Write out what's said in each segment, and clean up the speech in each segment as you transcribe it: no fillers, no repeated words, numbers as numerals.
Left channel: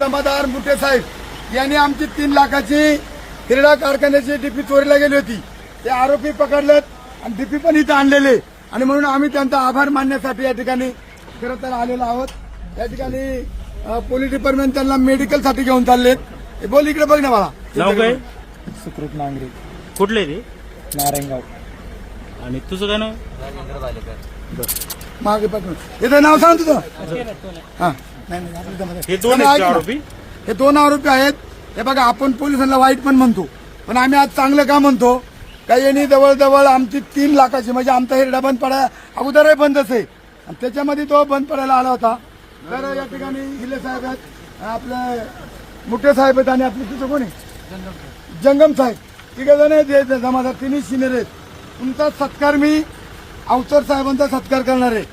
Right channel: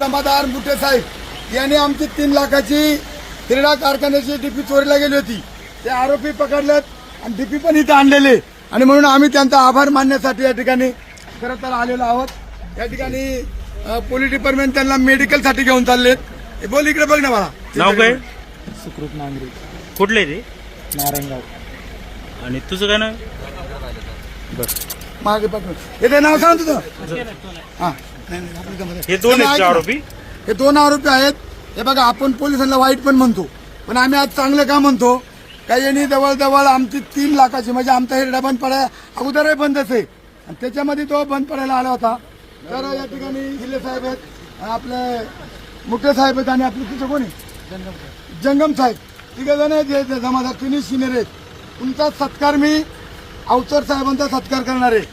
जमादार मुठे साहेब यांनी आमची 3 लाखाची हिरडा कारखान्याची डीपी चोरीला गेली होती. ते आरोपी पकडलेत आणि डीपी पण इथे आणलेले आणि म्हणून आम्ही त्यांचा आभार मानण्यासाठी या ठिकाणी खरं तर आलेलो आहोत. या ठिकाणी पोलीस डिपार्टमेंट त्यांना मेडिकल साठी घेऊन चाललेत. हे बोल इकडे बघ ना मला. नाव काय? सुकृत नांगरे. कुठले रे? नारायणगाव. आणि तुझं काय नाव? बस मागे पकडून हे नाव सांग तुझं. हा हे दोन आहेत आरोपी. हे 2 आरोपी आहेत. हे बघा आपण पोलिसांना वाईट पण म्हणतो पण आम्ही आज चांगलं का म्हणतो का यांनी जवळजवळ आमची 3 लाखाची म्हणजे आमचा हिरडा बंद पडायला अगोदरही बंदच आहे आणि त्याच्यामध्ये तो बंद पडायला आला होता. तर या ठिकाणी हिले साहेब आहेत आपले मुठे साहेब आहेत आणि आपले तिथे कोण आहे जंगम साहेब. तिघे जण जे जमादार 3 सिनियर आहेत. तुमचा सत्कार मी अवचर साहेबांचा सत्कार करणार आहे.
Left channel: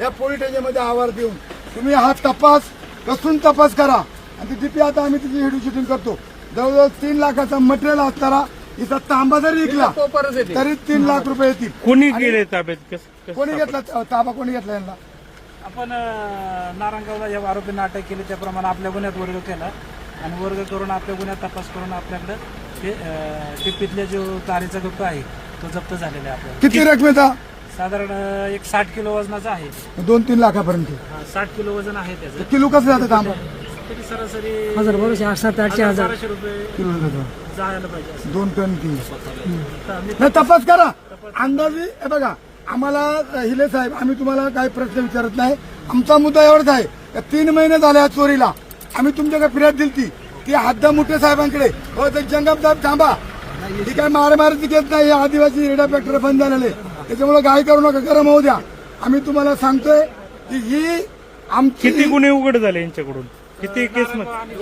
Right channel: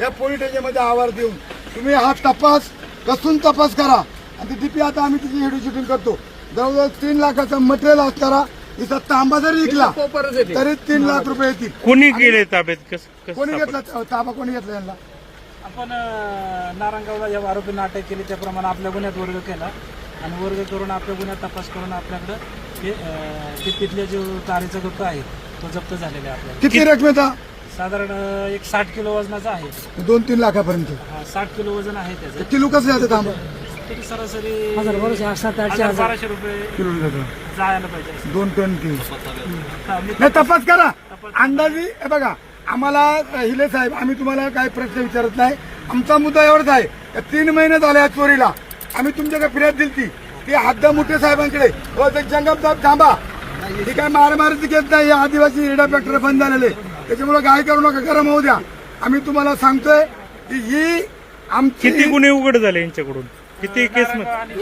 या पोलीस स्टेशनमध्ये आवार देऊन तुम्ही हा तपास कसून तपास करा आणि ती डीपी आता आम्ही तिची व्हिडिओ शूटिंग करतो. जवळजवळ 3 लाखाचं मटेरियल असताना इथं तांबा जरी विकला तरी 3 लाख रुपये येतील. कोणी गेले ताब्यात? कोणी घेतला ताबा? कोणी घेतला यांना? आपण नारायणगावला या आरोपींना अटक केली त्याप्रमाणे आपल्या गुन्ह्यात वर्ग केला आणि वर्ग करून आपल्या गुन्ह्यात तपास करून आपल्याकडे टिप्पीतल्या जो तारेचा गप्पा आहे तो जप्त झालेला आहे. आपल्याला किती रकमेचा? साधारण एक 60 किलो वजनाचा आहे. 2-3 लाखापर्यंत. 60 किलो वजन आहे त्याचं. किलो कसं जातं तांबा? तरी सरासरी 1200 रुपये किलो जातं. जायला पाहिजे. 2 टन किलो. नाही तपास करा अंदाजी. हे बघा आम्हाला हिले साहेब आम्ही तुम्हाला काही प्रश्न विचारत नाही. आमचा मुद्दा एवढाच आहे का 3 महिने झाले या चोरीला आम्ही तुमच्याकडे फिर्याद दिली ती हद्द मुठे साहेबांकडे. व ते जंगम साहेब थांबा ही काय मारामारीची घेत नाही. आदिवासी हिरडा फॅक्टरी बंद झालेले त्याच्यामुळे काय करू नका गरम होऊ द्या. आम्ही तुम्हाला सांगतोय की ही आमची किती गुन्हे उघड झाले यांच्याकडून? किती केस मध्ये?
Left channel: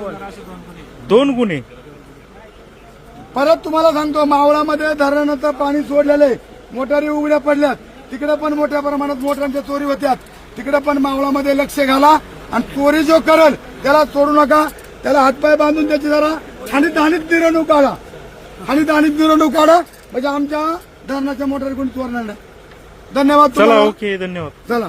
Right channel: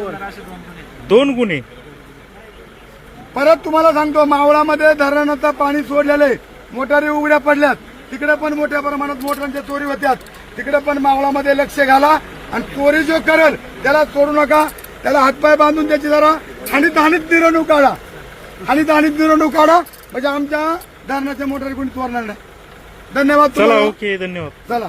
2 गुन्हे. परत तुम्हाला सांगतो मावळामध्ये धरणाचं पाणी सोडलेलं मोटारी उघड्या पडल्यात. तिकडे पण मोठ्या प्रमाणात मोटरांच्या चोरी होत्यात. तिकडे पण मावळामध्ये लक्ष घाला आणि चोरी जो करेल त्याला सोडू नका. त्याला हातपाय बांधून त्याची जरा आणीत मिरवणूक काढा. आणीत मिरवणूक काढा म्हणजे आमच्या धरणाच्या मोटारी कोणी चोरणार नाही. धन्यवाद. चला ओके धन्यवाद. चला.